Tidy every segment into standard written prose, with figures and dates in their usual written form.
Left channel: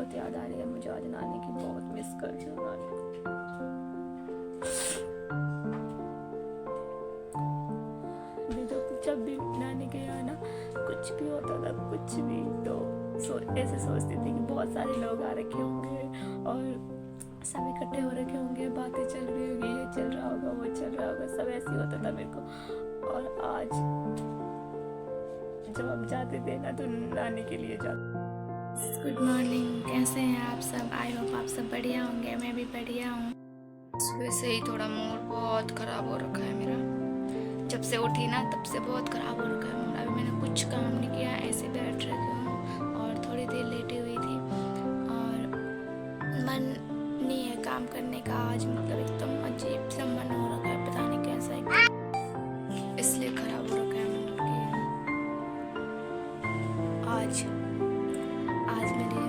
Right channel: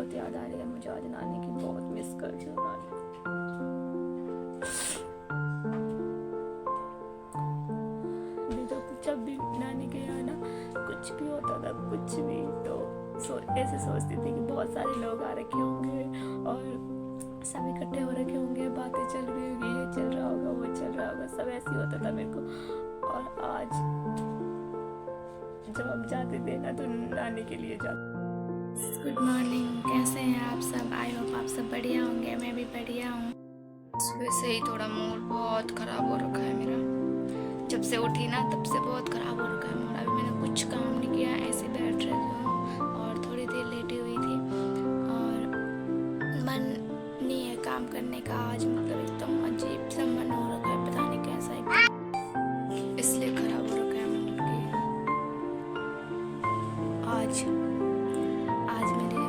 बहुत याद आ रही है मुझे आज नानी की, बहुत मिस कर रही हूँ नानी को। नहीं तो जब भी नानी के यहाँ ना कुछ भी होता था, कुछ भी, तो ऐसे सोचती थी कि बहुत सारे लोग आ रखे होंगे और सब इकट्ठे हो रखे होंगे, बातें चल रही होगी, ये चल रहा होगा, वो चल रहा होगा, सब ऐसे ही होता था मेरे को। और आज जब हम जाते थे ना तो नानी के लिए जाते। गुड मॉर्निंग, कैसे हैं आप सब? आई होप आप सब बढ़िया होंगे, मैं भी बढ़िया हूँ। सुबह से ही थोड़ा मूड बहुत ख़राब हो रखा है मेरा। जब से उठी ना तब से बहुत ख़राब हो रखा है मूड। अभी मैंने कुछ काम नहीं किया, ऐसे बैठ रही हूँ और थोड़ी देर लेटी हुई थी और मन नहीं है काम करने का आज। मतलब एकदम अजीब सा मन हो रखा है, पता नहीं कैसा, एकदम इसलिए ख़राब हो रखा है मूड की। आज मेरी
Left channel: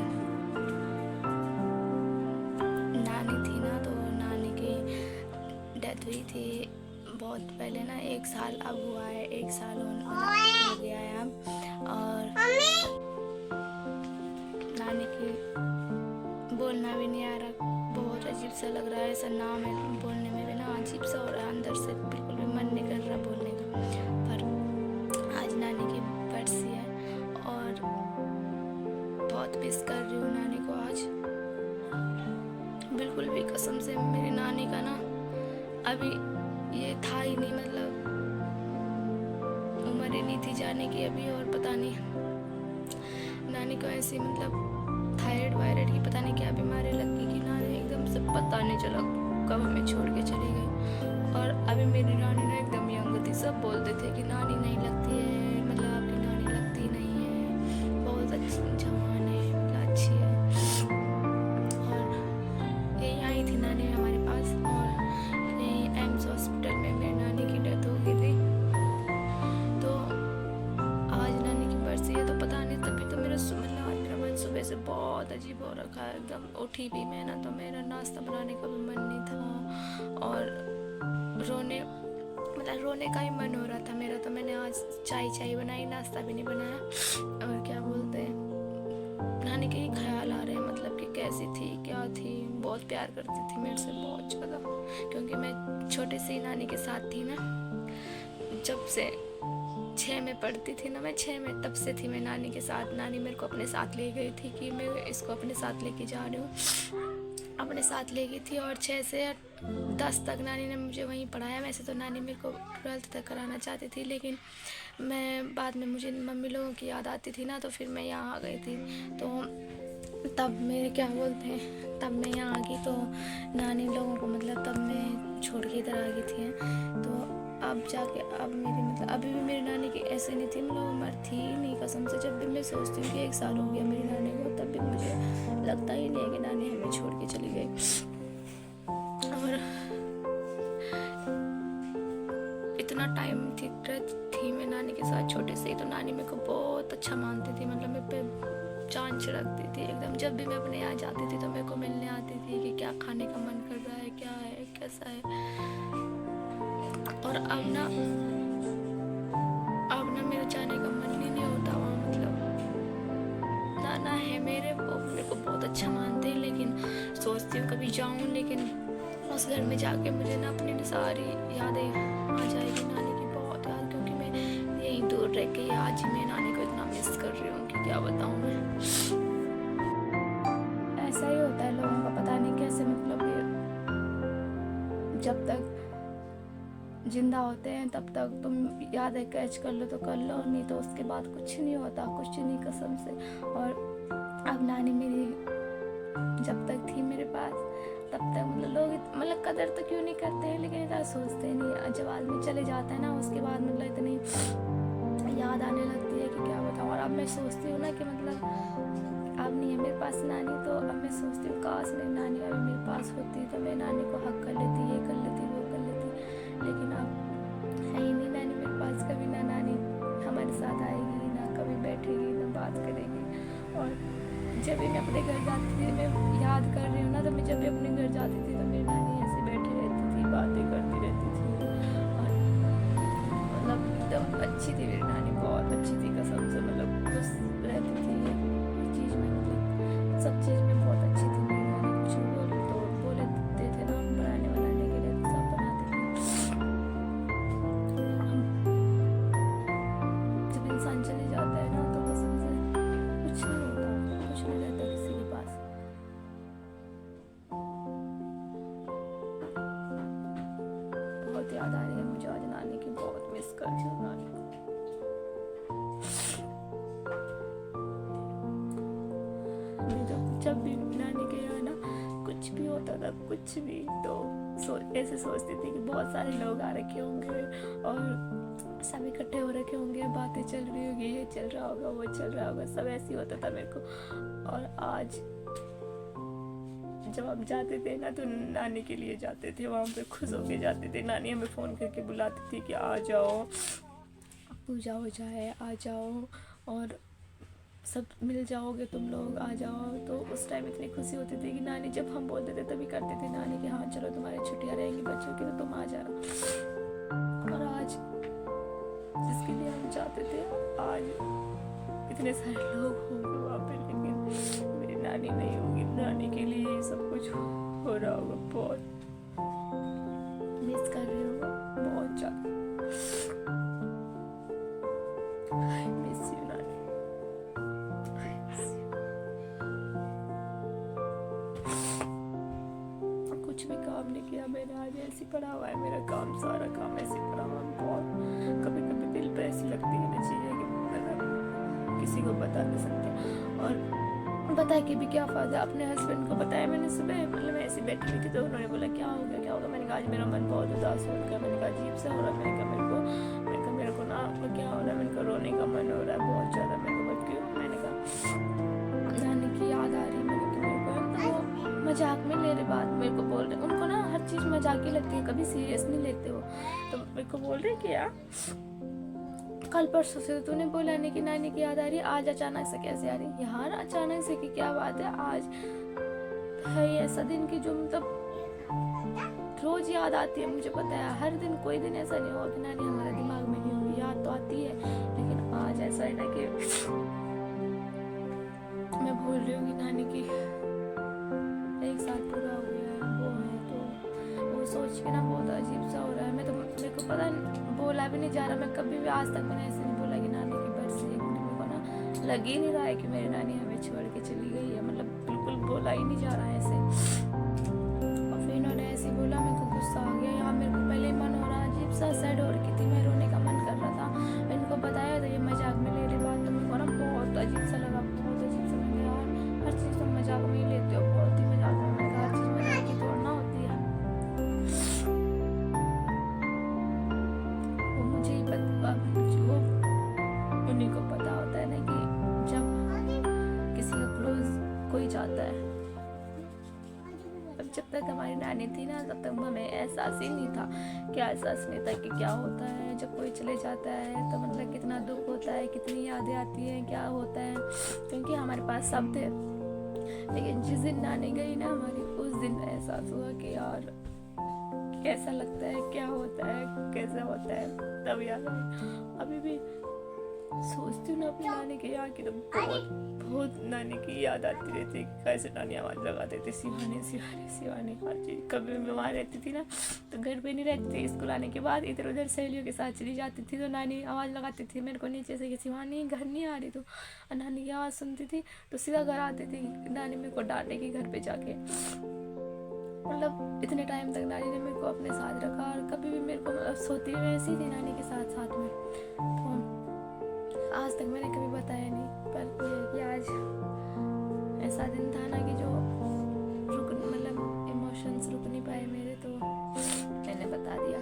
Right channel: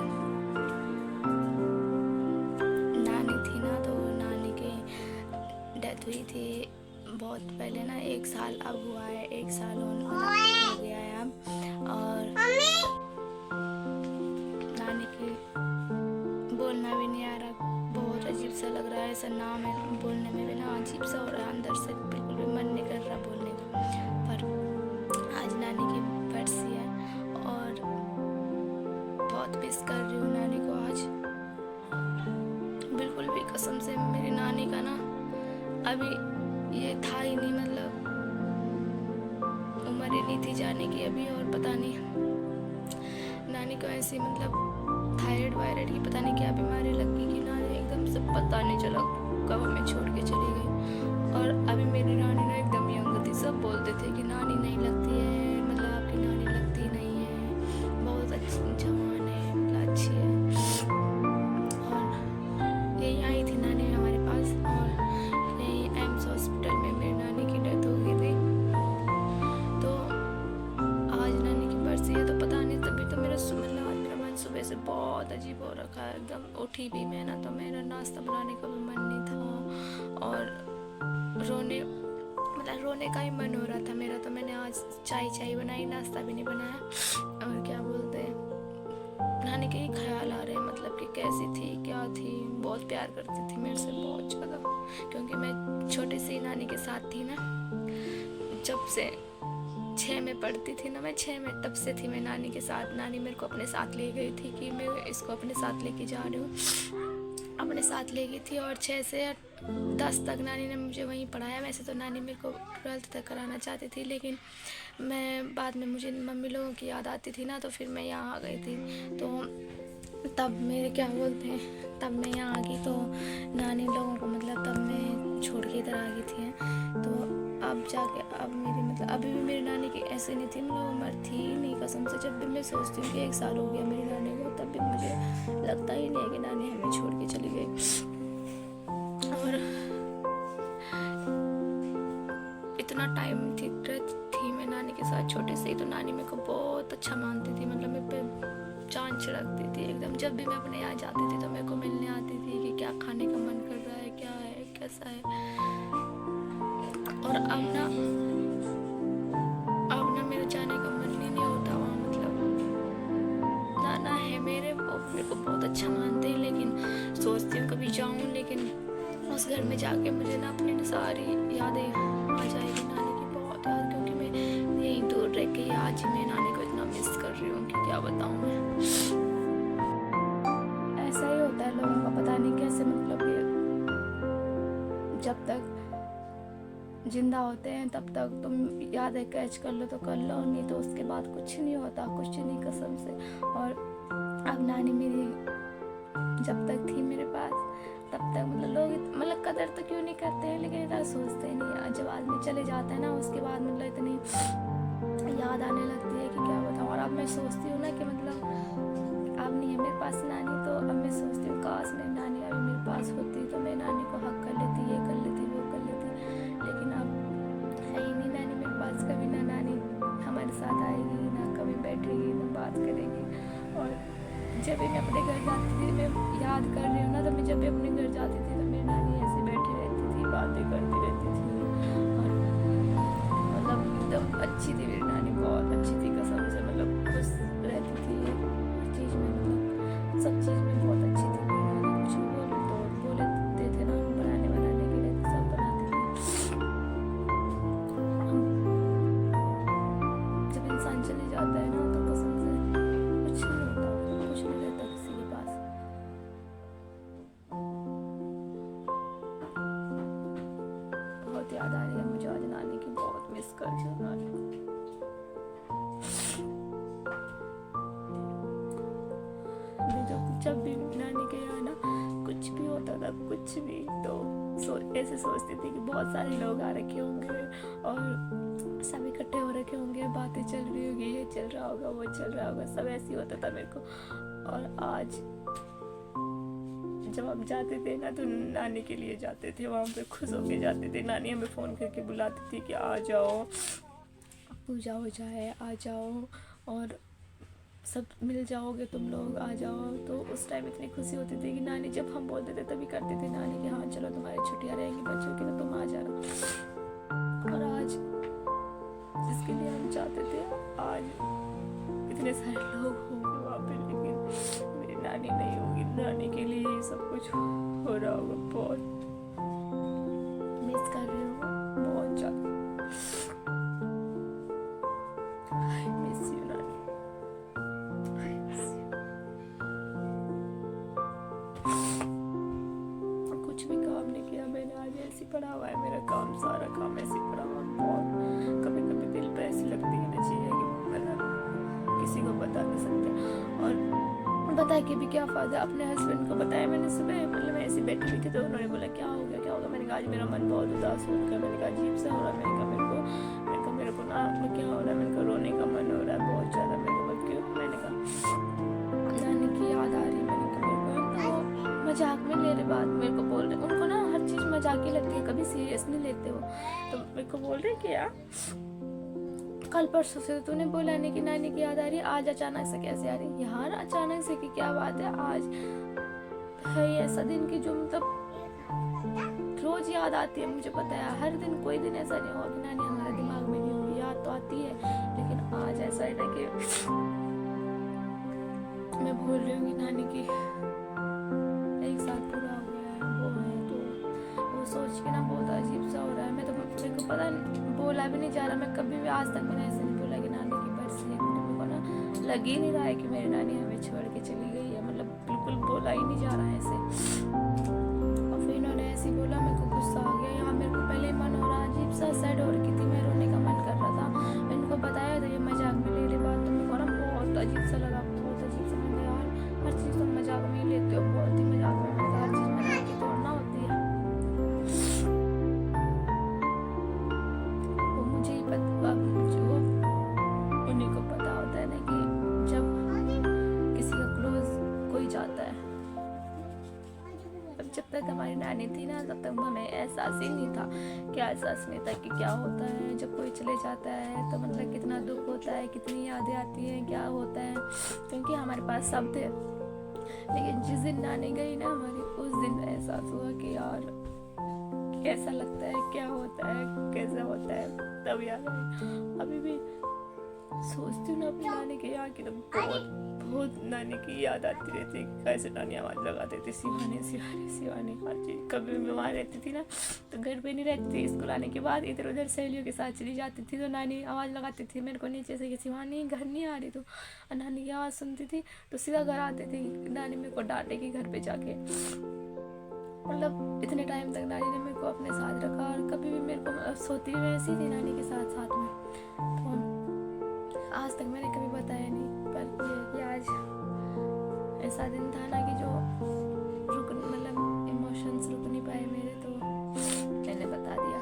नानी थी ना, तो नानी की डेथ हुई थी बहुत पहले ना, 1 साल अब हुआ है, 1 साल हो गया है अब। और नानी की बोलना भी नहीं आ रहा, बहुत अजीब सा लग रहा है, ऐसा नाम है बोलने में भी ना अजीब सा हो रहा है, अंदर से बिल्कुल भी मन नहीं कर रहा बोलने का। पर आज नानी की बरसी है और बहुत मिस कर रही हूँ नानी को आज, बिल्कुल भी कसम से। मेरी नानी का ना अभी ये था ही नहीं, मतलब उम्र ही नहीं थी जाने की अभी। और पता नहीं नानी को ऐसी मतलब थायराइड वायराइड की पता नहीं क्या बीमारी लग गई कि नानी एकदम से पता नहीं चला कब हमें छोड़ के चली गई। और अभी मेरी नानी ना एकदम यंग थी, सब बोलते थे कि नानी नहीं लगती है, मतलब आपकी नानी लगती नहीं है, बहुत अच्छी जवान है, मतलब अच्छी है। और यही आई थी नानी हमारे पास और यही एम्स हॉस्पिटल में मेरी नानी की डेथ हो गई थी। तो आज नानी की बरसी है, तो पता नहीं, तभी तो मेरा मतलब आज मेरा मन सुबह से बहुत अजीब हो रखा है। एकदम उठी भी मैं ना तो मेरा नाश्ता बनाने का भी मन नहीं था और रोने का ही मन हो रहा था मेरा। तो मैंने आज चाय बनाई, नाश्ता भी नहीं बनाया। और क्या बोलते हैं, नानी के ही ख्याल आ रहे हैं, मतलब कि कैसी थी, क्या थी। बहुत प्यार करती थी मेरे से, बहुत ज़्यादा, क्योंकि मैं छोटी सी नानी के साथ थी ना, जब से 6 में पढ़ती थी ना मैं, 6 में तब से थी मैं नानी के साथ। नानी मेरे को अपने साथ ले गई थी कि मैं इसको अपने साथ लेके जा रही हूँ, अपने साथ ले गई थी। और 6 से 10 तक नानी ने मुझे वहीं पढ़ाया। वैसे तो नानी मेरे को 12th तक कराना चाहती थी, लेकिन मैं बाद में मुझे मम्मी लोगों की याद आती थी ना, तो फिर मैं यहाँ आ गई थी। तो तब मेरे क्या बोलते हैं, तब मैं यहाँ आ गई तो नानी लोगों को, मतलब तब मैं छोड़ के इधर आ गई थी। तो अब जाके अब मेरी मतलब अभी भी मेरी नानी की ऐसे नहीं थी, मतलब उम्र थी ही नहीं कसम से। जब भी मैं सोचती हूँ कि 1 साल हो गया मेरी नानी को, तब भी मुझे लगता ही नहीं है कि नानी हमें छोड़ के चली गई। और इतना टाइम थी मैं नानी के साथ छोटे से ही, तो नानी मेरे को बहुत अच्छा मानती थी, मतलब मेरे पे जान छिड़कती थी एकदम। जब भी मैं अपने यहाँ जाती थी तो मेरे को मिलने आती थी कि क्या खाने का मन कर रहा है, क्या है, कैसा है। और अब ना मेरे जाने का मन ही नहीं होता वहाँ, मतलब नाना है मेरे, वो मेरे को बहुत अच्छा मानते हैं, लेकिन सोचती हूँ कभी जाऊँ, लेकिन उस घर में जाके मुझे ना अपनी सारी यादें आ जाएगी, नानी की बहुत याद, क्योंकि मैं यहीं दूर रह के आज ही मैं नानी को इतना मिस कर रही हूँ कि क्या बताऊँ मैं। ऐसा ही होता है लोगों का, पता नहीं कैसे, मतलब ये जब तक जिंदा होते हैं तब तक तुम यादें कैच कर लो तो कर लो, नहीं तो उसके बाद कुछ नहीं होता, कुछ नहीं कसम से। और अब नानी मेरी जब तक थी मेरे पास तब तक मतलब लोग मतलब कदर तो क्यों नहीं करते हैं, लेकिन इतना सोचते नहीं। जब आदमी चले जाता है ना उसके बाद मतलब इतनी याद आने लगती है कि क्या बताऊँ। और अब मैं सोचती हूँ ना कि मतलब अब नहीं है मेरे पास नानी, तो अब मैं सोचती हूँ काश मेरी नानी अभी मेरे पास होती तो मैं नानी को हक कर लेती, ये कर लेती, वो कर लेती। लेकिन अब है ही नहीं नानी मेरे पास, कभी ना नानी हमारे साथ आएगी, ना कभी बैठेगी, ना बात करेगी। और जब भी मैं अपने घर जाती थी, मैं याद कर रही हूँ ना, तो मैं जब भी अपने घर जाती थी तो मेरी नानी ऐसे बैठी रहती थी, बातें करती रहती थी। और मतलब एकदम अच्छी थी मेरी नानी, बहुत अच्छी थी कसम से, मतलब खुश रहती थी हर चीज़ में, मतलब सब चीज़ में बहुत अच्छी थी मेरी नानी। कुछ भी बोले देते थे ना बनाने के लिए, तो सब बनाती थी। जब इंसान चले जाता है ना तो कसम से कुछ नहीं होता, कुछ नहीं रहता किसी के पास। बहुत याद आ रही है मुझे आज नानी की, बहुत मिस करती हूँ नानी को। मैं जब भी नानी के यहाँ ना कुछ भी होता था, कुछ भी, तो ऐसे सोचती थी कि बहुत सारे लोग आ रखे होंगे और सब इकट्ठे हो रखे होंगे, बातें चल रही होगी, ये चल रहा होगा, वो चल रहा होगा, सब ऐसे ही होता था मेरे को। और आज जब हम जाते थे ना तो नानी के लिए जाते थे, वहाँ पे खुश होके जाते थे। नानी हमें फ़ोन करके बुलाती थी कि आ जाओ, पूजा हो जाए, आ जाओ और सब मिल जाओगे तुम लोग, आ जाओ। तो उस टाइम इतनी खुशी होती थी कि नानी जब हम बोलते थे तभी करती थी नानी कि हाँ चलो तुम्हारी छुट्टियाँ रहेंगी बच्चों की तो तुम आ जाना। और आज जिसके लिए हम चाहते थे, आज इतने सारे लोग होंगे वहाँ पे, लेकिन मेरी नानी नहीं होगी। नानी के लिए ये सब कुछ हो रहा होगा। बहुत मिस कर रही हूँ, बहुत ज़्यादा मिस यू नानी। कुछ भी काम नहीं किया मैंने, आज ऐसी पड़ा हुआ है मेरा काम, सारा काम ऐसे पड़ा हुआ है। बहुत कभी कभी दिल पे ऐसी लगती है ना चीज़ें कि मतलब किसी को बता नहीं सकते। और बता के भी क्या फ़ायदा। अपने हस्बैंड को बताया मैंने सुबह, मतलब मैं ऐसी बैठी हुई थी तो उन्होंने बोला क्या हो गया क्या होगा। मैंने कहा आज मेरा मन बहुत उदास हो गया। मैंने कहा अजीब सा हो रहा है। मैंने कहा मेरे को ना क्या हो रहा है। मैंने कहा रोने का मन हो रहा है बहुत ज़्यादा। मैंने कहा क्यों। मैंने कहा नानी की याद आ रही है। मैंने कहा मेरे को तो वो मजाक में ले रहे बात, मेरे को बोल रहे, उनको ना हर चीज़ मजाक ही लगती है, कभी सीरियस नहीं लेते वो। तो मेरे को बोल रहे कि यार कल परसों से तूने बोला नहीं कि नानी की याद आ रही है, आज अचानक से कैसे आ रही है। यार अचानक से की क्या बात है, आज है ऐसा दिन कि जो मतलब रोज याद आती है। मुझे पता है हर दिन, कोई दिन ऐसा नहीं होगा कि नानी हमारे दिमाग में नहीं होगी, याद तो आती है। लेकिन आज ऐसा है ना कि मैं भूल रही हूँ कि नानी की 1 साल पूरा हो गया है, वो है तो वो सोच के ना बहुत अजीब सा हो रहा है। मेरे को पता बोला भी नहीं जा रहा। मैं कभी भी आज तक मैंने ऐसे नहीं बोला कि नानी की बरसी है, क्योंकि मेरे को ना लग ही नहीं रहा है कि मेरी नानी हमें छोड़ के चली गई है। मतलब बिल्कुल बोला ही नहीं जा रहा है ऐसे। और फिर इन्होंने ऐसे ही बोला, मेरे को गुस्सा आ गया। यहाँ मेरे को पहले ही मन हो रहा, अजीब सा सैड हो रही थी, मैं रोने का मन कर रहा था। इनको बताया तो ये मजाक में ले रही बात, तो मेरे को ना बहुत अजीब सा लगा, बहुत अजीब सा। मैंने यार हर चीज़ तुम मजाक में ही लेते हो, बहुत ही मजाक में। मैंने कहा हर चीज़ मजाक की तोड़ना होती है। वो मुझे ही पता, वो उन्हीं को पता होता है ना कि जब किसी का क्लोज कोई जाता है। जब तक हमारी नानी थी ना तब तक हमें एहसास ही नहीं था, क्या एहसास नहीं था कि क्या होता है जब कोई चले जाता है। तो मतलब कितना दुख होता है, कितनी यादें आती हैं, क्या होता है, क्योंकि हमारे पास सब थे। लेकिन जिस दिन नानी गई ना हमारी, उस दिन एहसास हुआ कि यार कैसा लगता है, क्या होता है, कैसा होता है, तब याद आई। अभी भी सोचती हूँ ना अपनी नानी के यहाँ की, तो बहुत नानी की याद आती रहती है। कैसे नानी आवाज़ लगाते थे, शिवानी शिवानी शिवानी, हर चीज़। कभी मैं वहाँ रहती थी ना तो घर पे नहीं रहती थी, स्कूल आने के बाद इधर उधर सहेलियों के साथ चली जाती थी, तो नानी आवाज़ लगाती थी मेरे को नीचे से कि शिवानी घर नहीं आ रही तो। और नानी की आवाज़ सुनती थी तो सीधा घर आती थी। नानी मेरे को डांटेगी घर पे जाके। मतलब इतने टाइम तक नानी ने मेरे को अपने साथ रखा, और कभी भी मेरे को सोती हुई वैसी थी नानी के साथ साथ में। तो आज तक मैंने कभी बताया नहीं, पर ये आज ऐसा दिन था ना कि जो मतलब इमोशंस रुक नहीं पाए मेरे, तो मैंने बता दिया।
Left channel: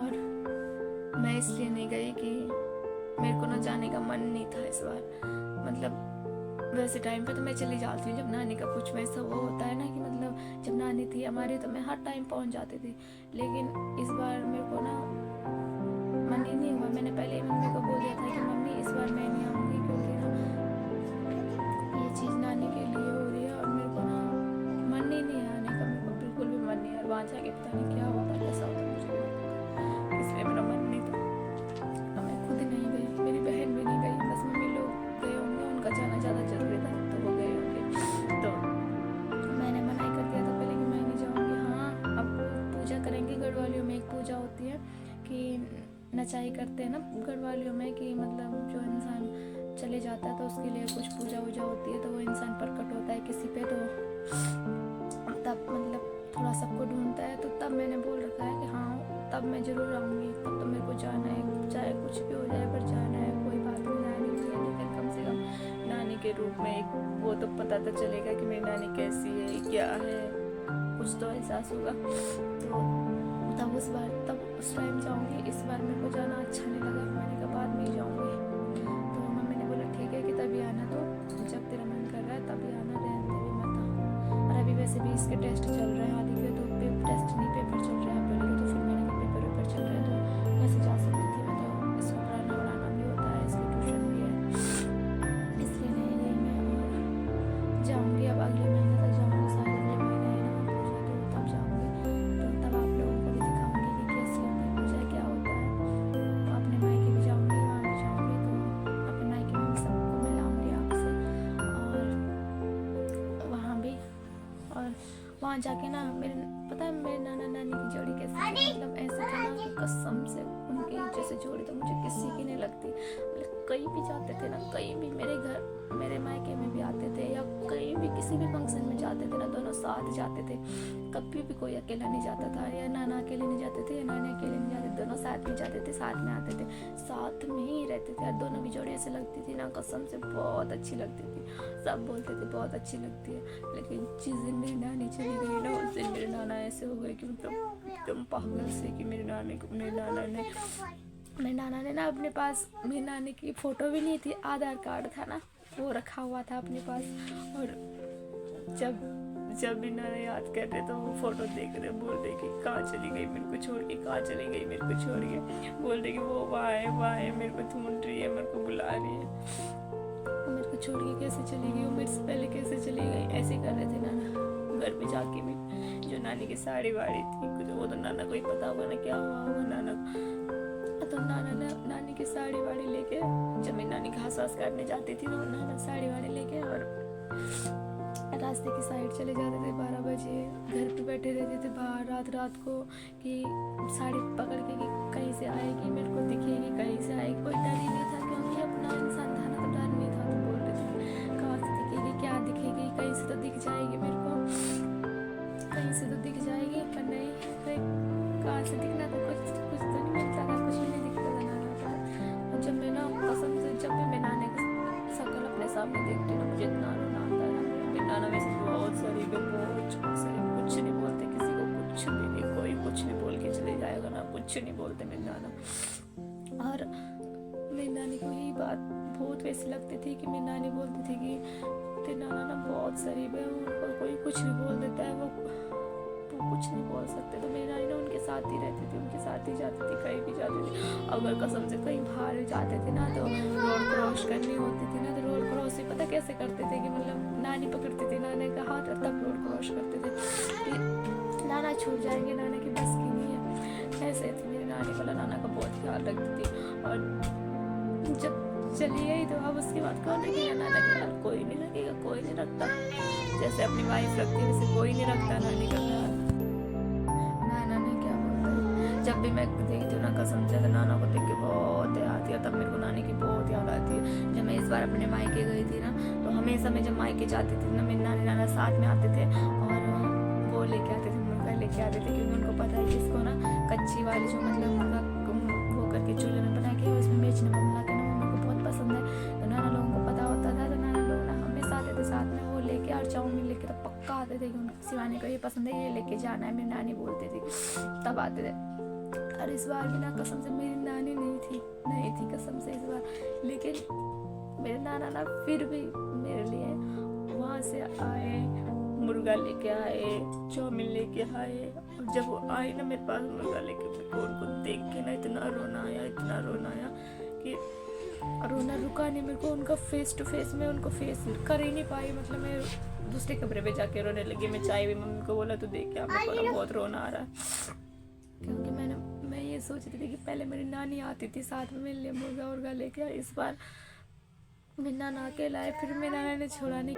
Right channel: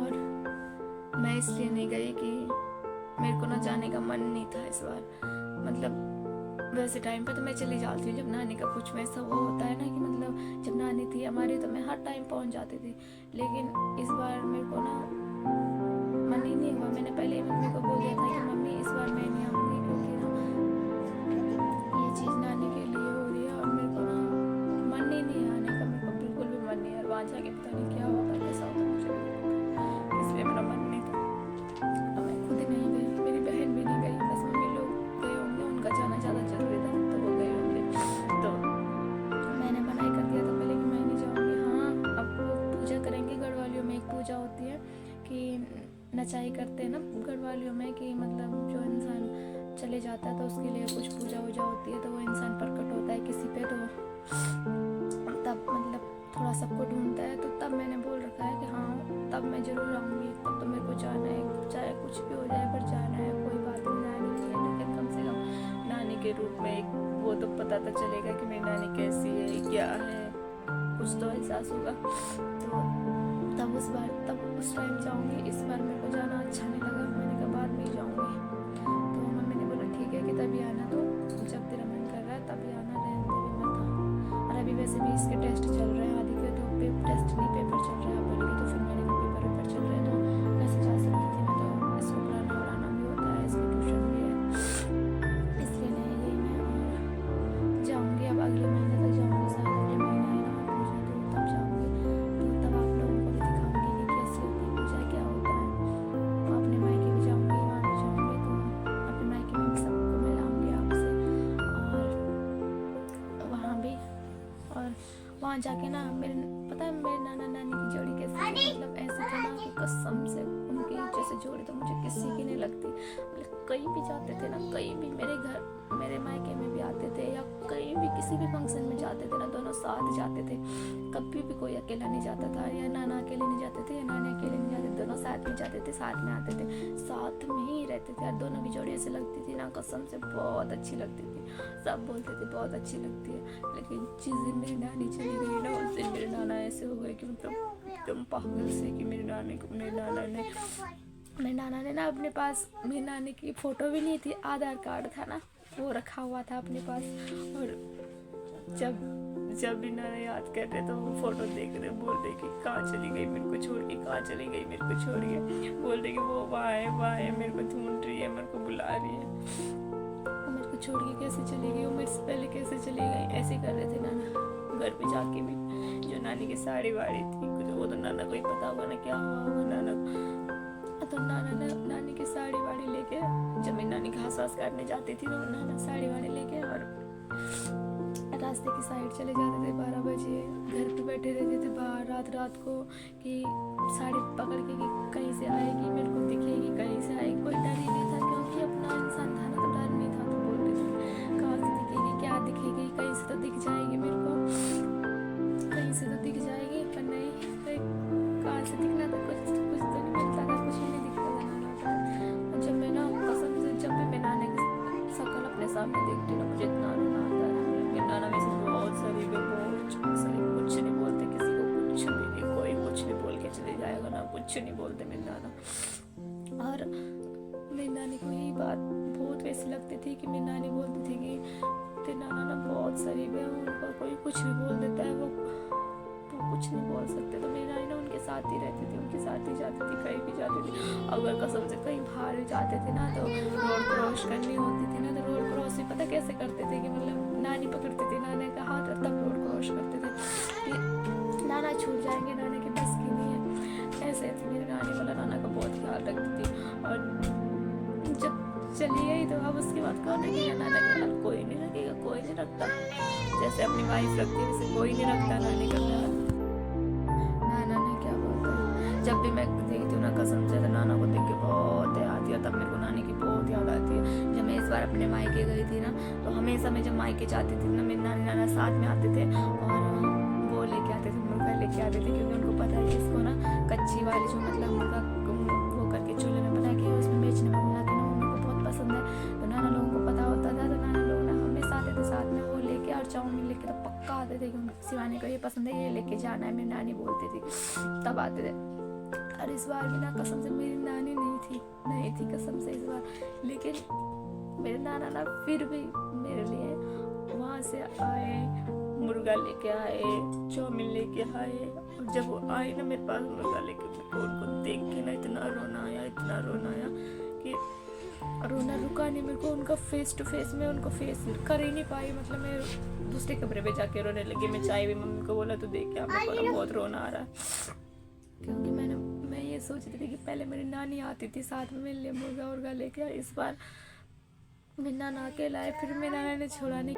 और मैं इसलिए नहीं गई कि मेरे को ना जाने का मन नहीं था इस बार। मतलब वैसे टाइम पे तो मैं चली जाती हूँ जब नानी का कुछ वैसा वो होता है ना कि मतलब जब नानी थी हमारी तो मैं हर टाइम पहुँच जाती थी। लेकिन इस बार मेरे को ना मन ही नहीं हुआ। मैंने पहले ही मम्मी को बोल दिया था कि मम्मी इस बार मैं नहीं आऊँगी, क्योंकि ना ये चीज़ नानी के लिए हो रही है और मेरे को ना मन ही नहीं है आने का। मेरे को बिल्कुल भी मन नहीं है, और वहाँ जाके पता नहीं क्या होता कैसा होता मुझे, इसलिए मेरा मन नहीं था। तो मैं खुद ही नहीं गई, मेरी बहन भी नहीं गई, बस मम्मी लोग गए होंगे, उनका जाना ज़्यादा ज़रूरी था तो वो गए होंगे। नचाई करते हैं ना गढ़वालियों में कि मतलब जो इंसान चले जाता है तो उसके लिए कुछ पूजा वूजा होती है, तो वो इंसान प्रकट होता है किसी पे, तो तब मतलब थोड़ा सबको ढूंढता है। तो तब मैंने बोल रखा है कि हाँ तब मैं ज़रूर आऊँगी, तब तो मेरे को जाना है, चाहे कुछ भी हो जाए पर जाना है, कोई बात नहीं, जानी नहीं है, लेकिन कम से कम नानी के रूप में एक वो तो पता तो चलेगा कि मेरी नानी कैसी है, क्या है, कुछ तो एहसास होगा। तो तब उस टाइम जाऊँगी। इस बार मेरे को जाना अच्छा नहीं लगा, मैंने कहा बाद में ही जाऊँगी। तो मम्मी ने बोला ठीक है कि तभी आना, तो जब तेरा मन कर रहा है तभी आना, रहने दे भी मत आ। और अभी वैसे भी इसके टेस्ट चल रहे हैं, आदि के तो टेस्ट नहीं पेपर चल रहे हैं पहले के, तो फिर मैंने कहा पेपर चल रहे हैं तो कैसे जा सकती थी मैं, तो इसको पढ़ाना वढ़ाना भी होता है, इसकी ट्यूशन भी है, इसलिए नहीं गई मैं। और जाऊँगी अब अगले महीने तक जाऊँगी, शायद अगले महीने है ना पूजा, तो तब जाऊँगी, तो तब आप लोगों को भी दिखाऊँगी कि कैसी होती है पूजा, क्या होता है। तो अपने मायके भी जाऊँगी, वहाँ भी जाऊँगी, तो अपने मायके में भी सबको मिलाऊँगी आपसे, और वहाँ भी। और वहाँ जाके ना पता है मेरे नाना नानी की जोड़ी कैसी थी, मतलब ऐसे थे ना कि कसम से उनकी जैसे जोड़ी तो मुझे किसी की नहीं लगती। मतलब कहीं भी जाते थे ना, कहीं भी मेरे मायके में भी आते थे या कहीं भी किसी भी फंक्शन में जाते थे ना, दोनों साथ जाते थे, कभी भी कोई अकेला नहीं जाता था, या नाना अकेले नहीं जाते थे या नानी अकेले नहीं जाते थे, दोनों साथ में जाते थे, साथ में आते थे, साथ में ही रहते थे। और दोनों की जोड़ी ऐसे लगती थी ना, कसम से बहुत अच्छी लगती थी, सब बोलते थे बहुत अच्छी लगती है। लेकिन जिस दिन मेरी नानी चली गई ना, उस दिन मेरे नाना ऐसे हो गए कि मतलब एकदम पागल से, कि मेरे नाना ने ना अपने पास, मेरी नानी की फ़ोटो भी नहीं थी, आधार कार्ड था ना वो रखा हुआ था अपने पास। और जब भी नाना याद कर रहे तो वो फ़ोटो देख रहे, बोल रहे कि कहाँ चली गई मेरे को छोड़ के, कहाँ चली गई मेरे को छोड़ के, बोल रहे कि वो वहाँ है मेरे को ढूंढ रही है, मेरे को बुला रही है, मेरे को छोड़ के कैसे चली गई, वो मेरे से पहले कैसे चली गई, ऐसे कर रहे थे नाना। घर पे जाके भी जो नानी की साड़ी वाड़ी थी, कुछ वो तो नाना को ही पता होगा ना क्या हुआ होगा नाना को। तो नाना ने नानी की साड़ी वाड़ी लेके, जब मेरी नानी घास वास काटने जाती थी तो नाना साड़ी वाड़ी लेके और रास्ते की साइड चले जाते थे। 12 बजे घर पे बैठे रहते थे बाहर रात को, कि साड़ी पकड़ के कि कहीं से आएगी, मेरे को दिखेगी, कहीं से आएगी। कोई डर ही नहीं था, क्योंकि अपना इंसान था ना, तो डर नहीं था। तो बोल रहे थे कहाँ से दिखेगी, क्या दिखेगी, कहीं से तो दिख जाएगी मेरे को, कहीं से तो दिख जाएगी, पर नहीं, कहाँ से दिखना था, कुछ तो नहीं मिलता था, कुछ भी नहीं दिखता था नाना का। जब मैं ना कसम से जब भी मैं नाना की शक्ल अपने सामने देखती ना, मुझे इतना रोना आता है। मेरे नाना में से बहुत सारी कुछ नहीं बोलते किसी को, कुछ भी नहीं, कोई कुछ नहीं बोल के चले जाएगा ना, कुछ नहीं बोलते मेरे नाना। और मेरी नानी को यही बात बहुत वैसी लगती थी कि मेरी नानी बोलती थी कि तेरे नाना ना बहुत शरीफ है, उनको कोई कुछ भी बोल देता है, वो कुछ नहीं बोल सकते। तो मेरी नानी ना उनके साथ ही रहती थी, उनके साथ ही जाती थी, कहीं भी जाती थी। अगर कसम से कहीं बाहर जाते थे ना, तो रोड क्रॉस करनी होती थी ना, तो रोड क्रॉस भी पता कैसे करते थे कि मतलब नानी पकड़ती थी नाना का हाथ और तब रोड क्रॉस करते थे कि नाना छूट जाएंगे, नाना की बस की नहीं है। ऐसे थी मेरी नानी, मतलब नाना का बहुत ख्याल रखती थी। और जब चली गई तो अब उसके बाद कौन रखेगा नाना का ख्याल, कोई नहीं रखेगा, कोई नहीं रखता। जैसे अपनी वाइफ रखती है वैसे कोई नहीं रखता नानी का ख्याल। नाना ने क्या बोलते हैं, जब भी मैं देखती हूँ ना कसम से, तो नाना को देख के बहुत याद आती है। तब मेरे को नानी की बहुत याद आती है। जब मैं इस बार अपने मायके गई थी ना, तो हमेशा मैं जब मायके जाती थी ना, मेरे नानी नाना साथ में आते थे और वो लेके आते थे, मुर्गा लेके आते थे, क्योंकि उनको पता है कि इसको ना कच्ची वाली जो मतलब मुर्गा वो करके चूल्हे में बना के उसमें मिर्च नमक मिला के ना, वो मेरे को बहुत पसंद है। तो नाना लोगों को पता होता था, तो नाना लोग ना हमेशा आते थे साथ में वो लेके, और चाउमीन लेके तो पक्का आते थे कि उनको शिवानी को ये पसंद है, ये लेके जाना है, मेरी नानी बोलती थी, तब आते थे। और इस बार भी ना कसम से मेरी नानी नहीं थी कसम से इस बार, लेकिन मेरे नाना ना फिर भी मेरे लिए वहाँ से आए, मुर्गा लेके आए, चाउमीन लेके आए। और जब वो आए ना मेरे पास मुर्गा लेके, उनको देख के ना इतना रोना आया कि रोना रुका नहीं मेरे को। उनका फेस टू फेस में उनको फेस कर ही नहीं पाई, मतलब मैं दूसरे कमरे पे जाके रोने लगी। मैं चाय भी मम्मी को बोला तो देख के मेरे को बहुत रोना आ रहा है, क्योंकि मैं ये सोचती थी कि पहले मेरी नानी आती थी साथ में मेरे लिए मुर्गा लेके, इस बार मेरे नाना अकेला है, फिर मेरे नाना ने छोड़ा नहीं।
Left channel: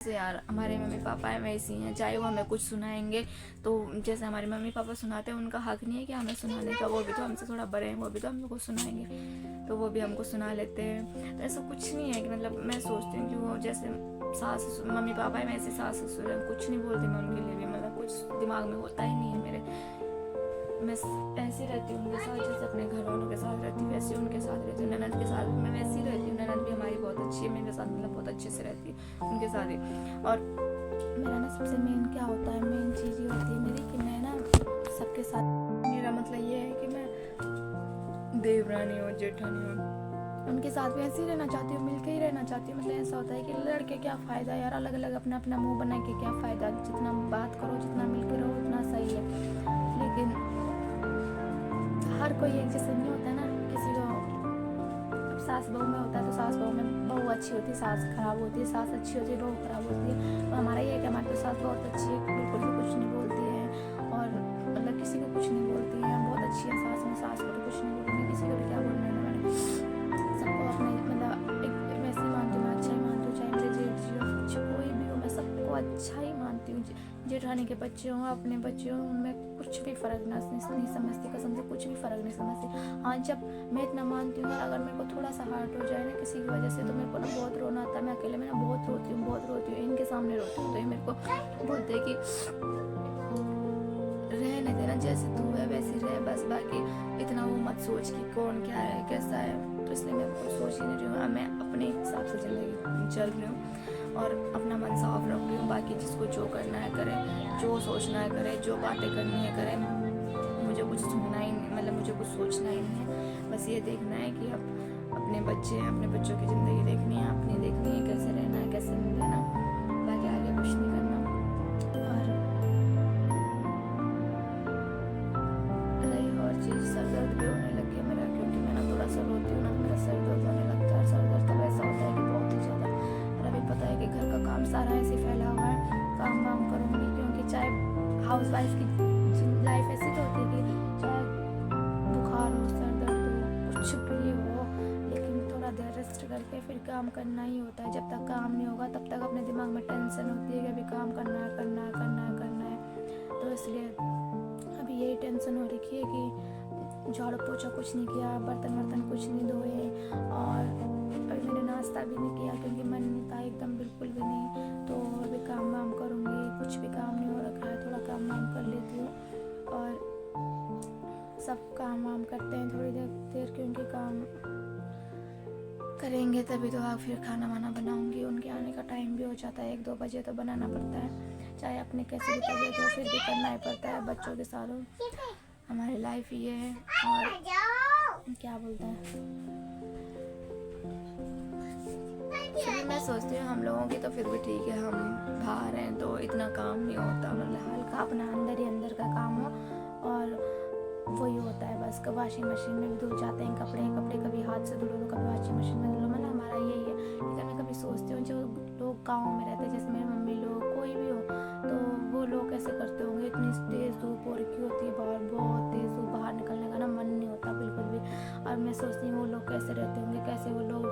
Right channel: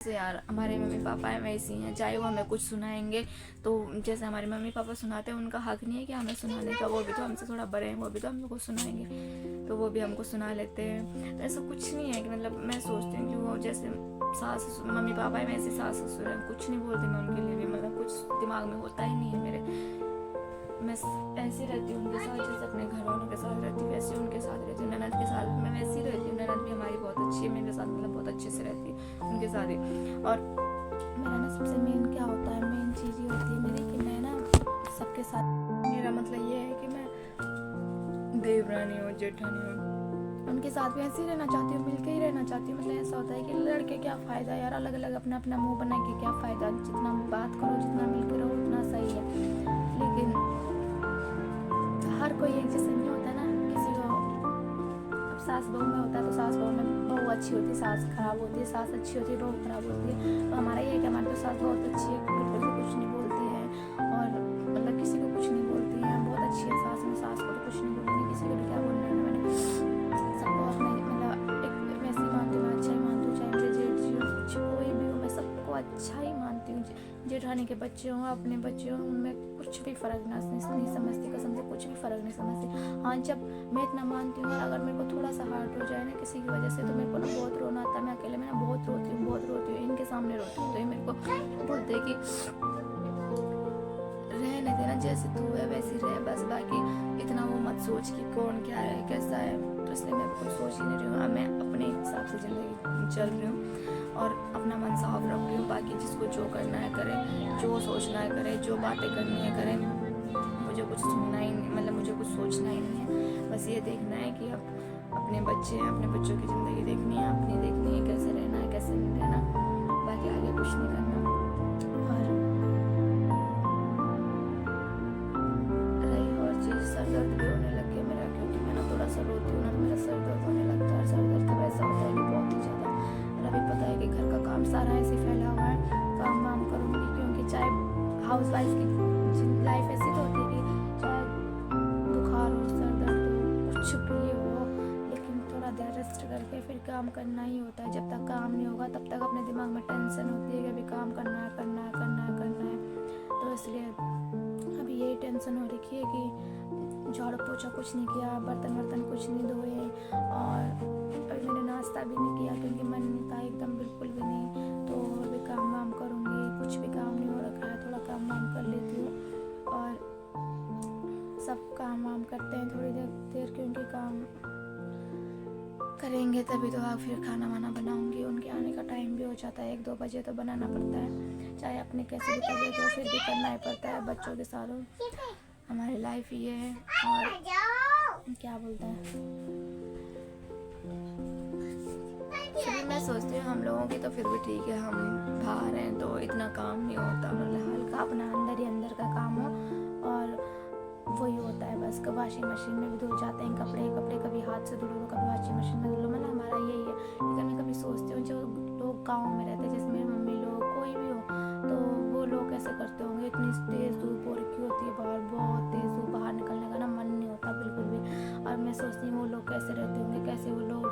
जैसे यार हमारे मम्मी पापा हैं वैसे ही हैं, चाहे वो हमें कुछ सुनाएंगे तो जैसे हमारे मम्मी पापा सुनाते हैं उनका हक नहीं है कि हमें सुनाने का, वो भी तो हमसे थोड़ा बड़े हैं, वो भी तो हमको सुनाएंगे तो वो भी हमको सुना लेते हैं। तो ऐसा कुछ नहीं है कि मतलब मैं सोचती हूँ कि वो जैसे सास मम्मी पापा है वैसे सास ससुर हैं, कुछ नहीं बोलती मैं उनके लिए भी, मतलब कुछ दिमाग में होता ही नहीं है मेरे। मैं ऐसी रहती हूँ उनके साथ जैसे अपने घर वालों के साथ रहती हूँ वैसे उनके साथ रहती हूँ। ननद के साथ मैं वैसी ही रहती हूँ, ननद भी हमारी बहुत अच्छी है मेरे साथ, मतलब बहुत अच्छे से रहती है उनके साथ ही। और मेरा ना सबसे मेन क्या होता है, मेन चीज़ ये होती है मेरी कि मैं ना सबके साथ, मेरा मतलब ये है कि मैं देवरानी हूँ जेठानी हूँ, उनके साथ भी ऐसे ही रहना चाहती हूँ, मिलके ही रहना चाहती हूँ। मतलब ऐसा होता है कि लड़के क्या फ़ायदा यार, अलग अलग अपना अपना मुंह बना के क्या फ़ायदा, जितना बात करो जितना मिलके रहो उतना सही है। लेकिन हर कोई एक जैसा नहीं होता ना, किसी को अब सास बहू में होता है तो सास बहू में बहू अच्छी होती है सास खराब होती है, सास अच्छी होती है बहू खराब होती है। तो हमारा ये है कि हमारी तो सास बहुत अच्छी है, बिल्कुल भी कुछ नहीं बोलती है और मतलब किसी को कुछ नहीं बोलती है, बहुत अच्छी है सास। में सास को तो कुछ नहीं बोलूँगी, किसी को भी क्या बोलना है ना, मैंने सबको अपने मतलब एक वैसे ही मानती हूँ, मैं अच्छा ही मानती हूँ, चाहे मेरे जेठ जी हो कुछ कोई भी हो, मैं सबको अच्छा ही मानती हूँ। जेठानी के बच्चे हों अपने बच्चे हों उनमें कुछ भी फ़र्क नहीं समझती, कसम से कुछ भी फ़र्क नहीं समझती। हाँ जब मैं इतना मानती हूँ यार, अगर मेरे को थोड़ा सा हर्ट हो जाए ना किसी की वजह से तो मेरे को ना बहुत रोना आता है, मैं अकेले में ना बहुत रोती हूँ, इनके सामने रोती हूँ तो ये मेरे को बोलते हैं कि रहने देना, जैसे तू है वैसी रह बस, बाकी इतना वो मत सोच कि कौन क्या है कैसा है। तो इसलिए मैं कुछ सोच ही नहीं रही हूँ, मैं अपने हिसाब से ज़िंदगी चल रही हूँ और अपना मन साफ रख रही हूँ। बाकी जिसको जो करना है करे, जो सोचना है करे, जो बातें करनी है करे, मुझे कुछ सुनना ही नहीं, मतलब मुझे कुछ सोचना ही नहीं है। बस ये देखना है कि अब अपने बच्चे हैं, अपने बच्चों की ज़िंदगी देखनी है, अपनी देखनी है, कैसे रहना है कैसे नहीं रहना, बाकी आगे कुछ नहीं करना। और चीज़ सर दर्द भी होने लग गया मेरा, क्योंकि मैं ना थोड़ा सा रोती हूँ ना तो मेरा सर दर्द होने लगता है। सर दर्द तब ऐसा होता है कि बहुत ही ज़्यादा, और अभी पता है कि घर का काम सारा ऐसे फैला हुआ है, काम वाम करूँगी क्योंकि चाहे हाउस वाइफ की लाइफ ऐसी तो होती है कि चाहे बुखार हो सर दर्द हो कुछ भी हो, लेकिन थोड़ा देर रेस्ट करके फिर काम करना ही होता है। जब तक काम नहीं होगा तब तक अपने दिमाग में टेंशन होती है कि अभी काम करना है करना है करना है करना है। तो इसलिए अभी यही टेंशन हो रखी है कि झाड़ू पोछा कुछ नहीं किया, बर्तन वर्तन कुछ नहीं धोए, और अभी मैंने नाश्ता भी नहीं किया क्योंकि मन नहीं था एकदम बिल्कुल भी नहीं। तो अभी काम वाम करूँगी, कुछ भी काम नहीं हो रखा है, थोड़ा काम वाम कर लेती हूँ और सब काम वाम करते हैं थोड़ी देर क्योंकि काम करेंगे तभी तो फिर खाना वाना बनाऊंगी। उनके आने का टाइम भी हो जाता है, 1-2 बजे तो बनाना पड़ता है, चाहे अपने कैसे भी तबीयत हो फिर भी करना ही पड़ता है। बच्चों के साथ हमारी लाइफ ये है। और क्या बोलते हैं, फिर भी मैं सोचती हूँ हम लोगों की तो फिर भी ठीक है, हम बाहर हैं तो इतना काम नहीं होता, मतलब हल्का अपना अंदर ही अंदर का काम हो और वही होता है बस। वॉशिंग मशीन में भी धुल जाते हैं कपड़े कभी हाथ से धुलो तो कभी वॉशिंग मशीन में धुलो, मतलब हमारा यही है। लेकिन मैं कभी सोचती हूँ जो लोग गाँव में रहते हैं, जैसे मेरी मम्मी लोग कोई भी हो, तो वो लोग कैसे करते होंगे, इतनी तेज़ धूप हो रखी होती है बाहर, बहुत तेज़ धूप, बाहर निकलने का ना मन और मैं सोचती हूँ वो लोग कैसे रहते होंगे, कैसे वो लोग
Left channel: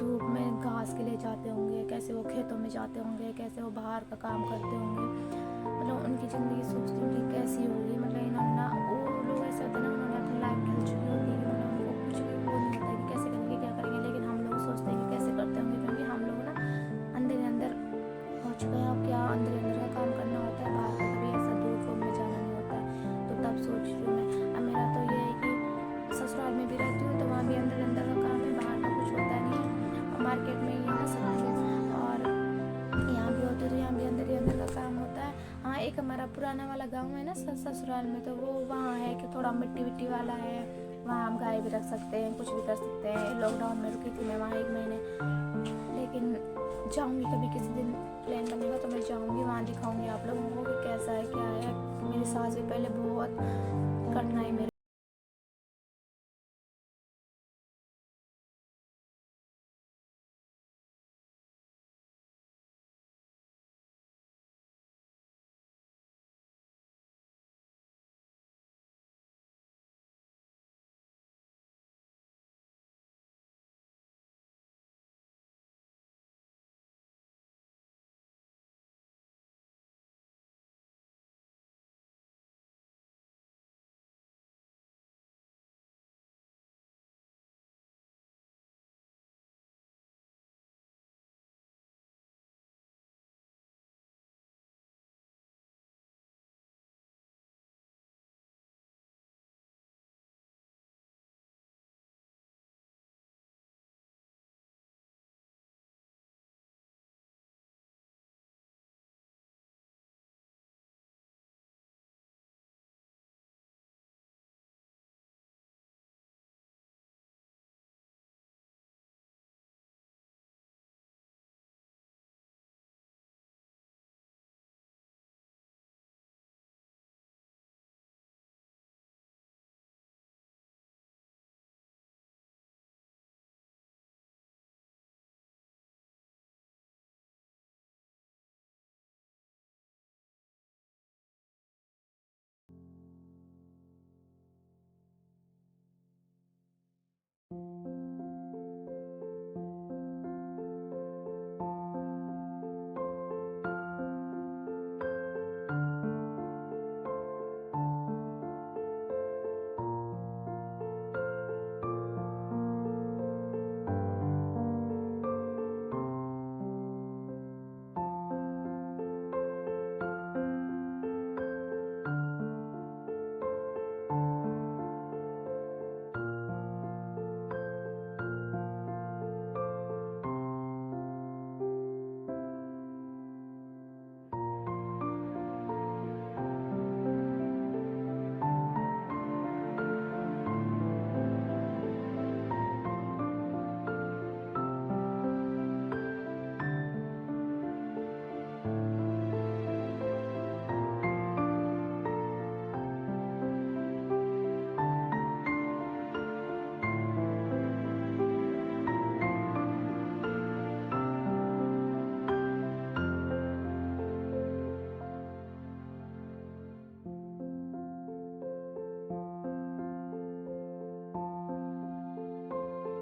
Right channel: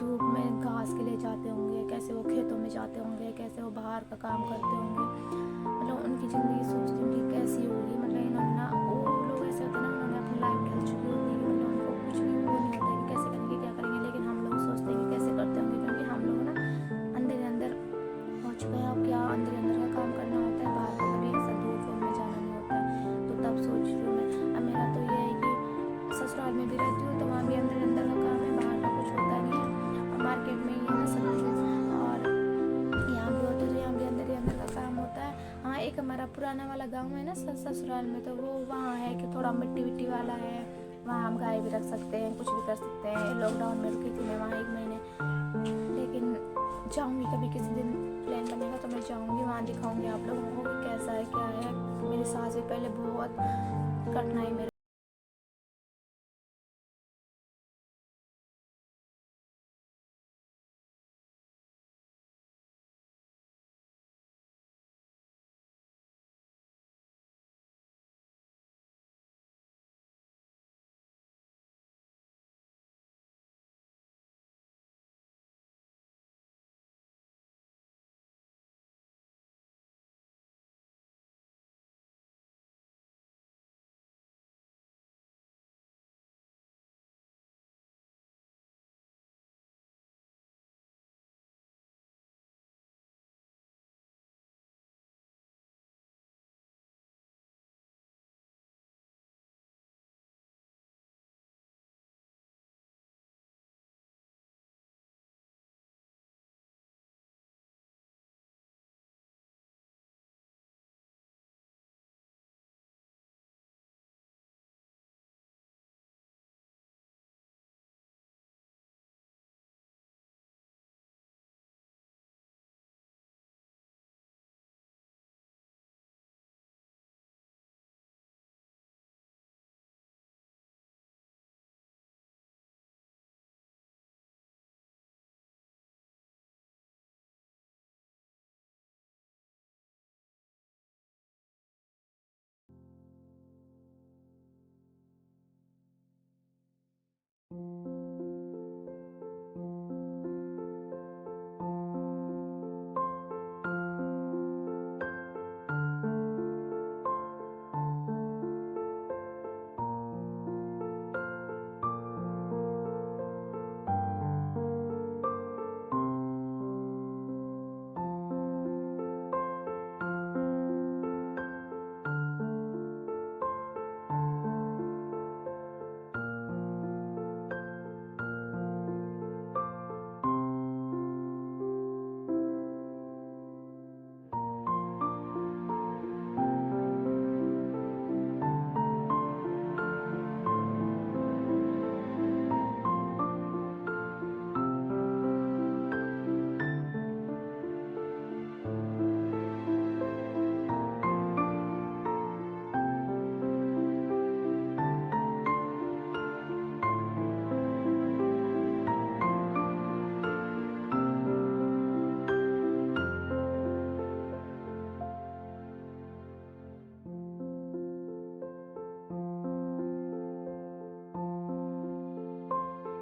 धूप में घास के लिए जाते होंगे, कैसे वो खेतों में जाते होंगे, कैसे वो बाहर का काम करते होंगे। मतलब उनकी ज़िंदगी सोचती हूँ कि कैसी होगी। मतलब इन्होंने ना, वो लोग ऐसे होते हैं ना, उन्होंने अपनी लाइफ ढल चुकी होती है कि मतलब उनको कुछ भी वो नहीं होता कि कैसे करेंगे, क्या करेंगे। लेकिन हम लोग सोचते हैं कि कैसे करते होंगे, क्योंकि हम लोग ना अंदर ही अंदर हो चुका है। और क्या अंदर ही अंदर का काम करना होता है, बाहर का कभी ऐसा धूप में जाना नहीं होता है। तो तब सोच रही हूँ मैं। अब मेरा तो ये है कि ससुराल में भी रहती हूँ तो वहाँ भी अंदर अंदर का काम है, बाहर का कुछ होता नहीं है। और मार्केट में ही है ना सब चीज़, और यहाँ भी होते तो यहाँ भी अंदर ही अंदर का काम होता है। हाँ, एक हमारा पुराना वाला गांव है ना ससुराल में, तो वो वहाँ है कि थोड़ा मिट्टी विट्टी वाला है, वहाँ हम गाय भी रख सकते हैं, कुछ भी कर सकते हैं। लॉकडाउन में रुकी थी मैं वहाँ 1 महीने, लेकिन जाऊँगी कभी किसी दिन, प्लान बनेगा तो मैं जाऊँगी, वहाँ दिखाऊँगी आप लोगों को कि कैसा है क्या है। मेरी सास भी पहले बहुत कठिनाई में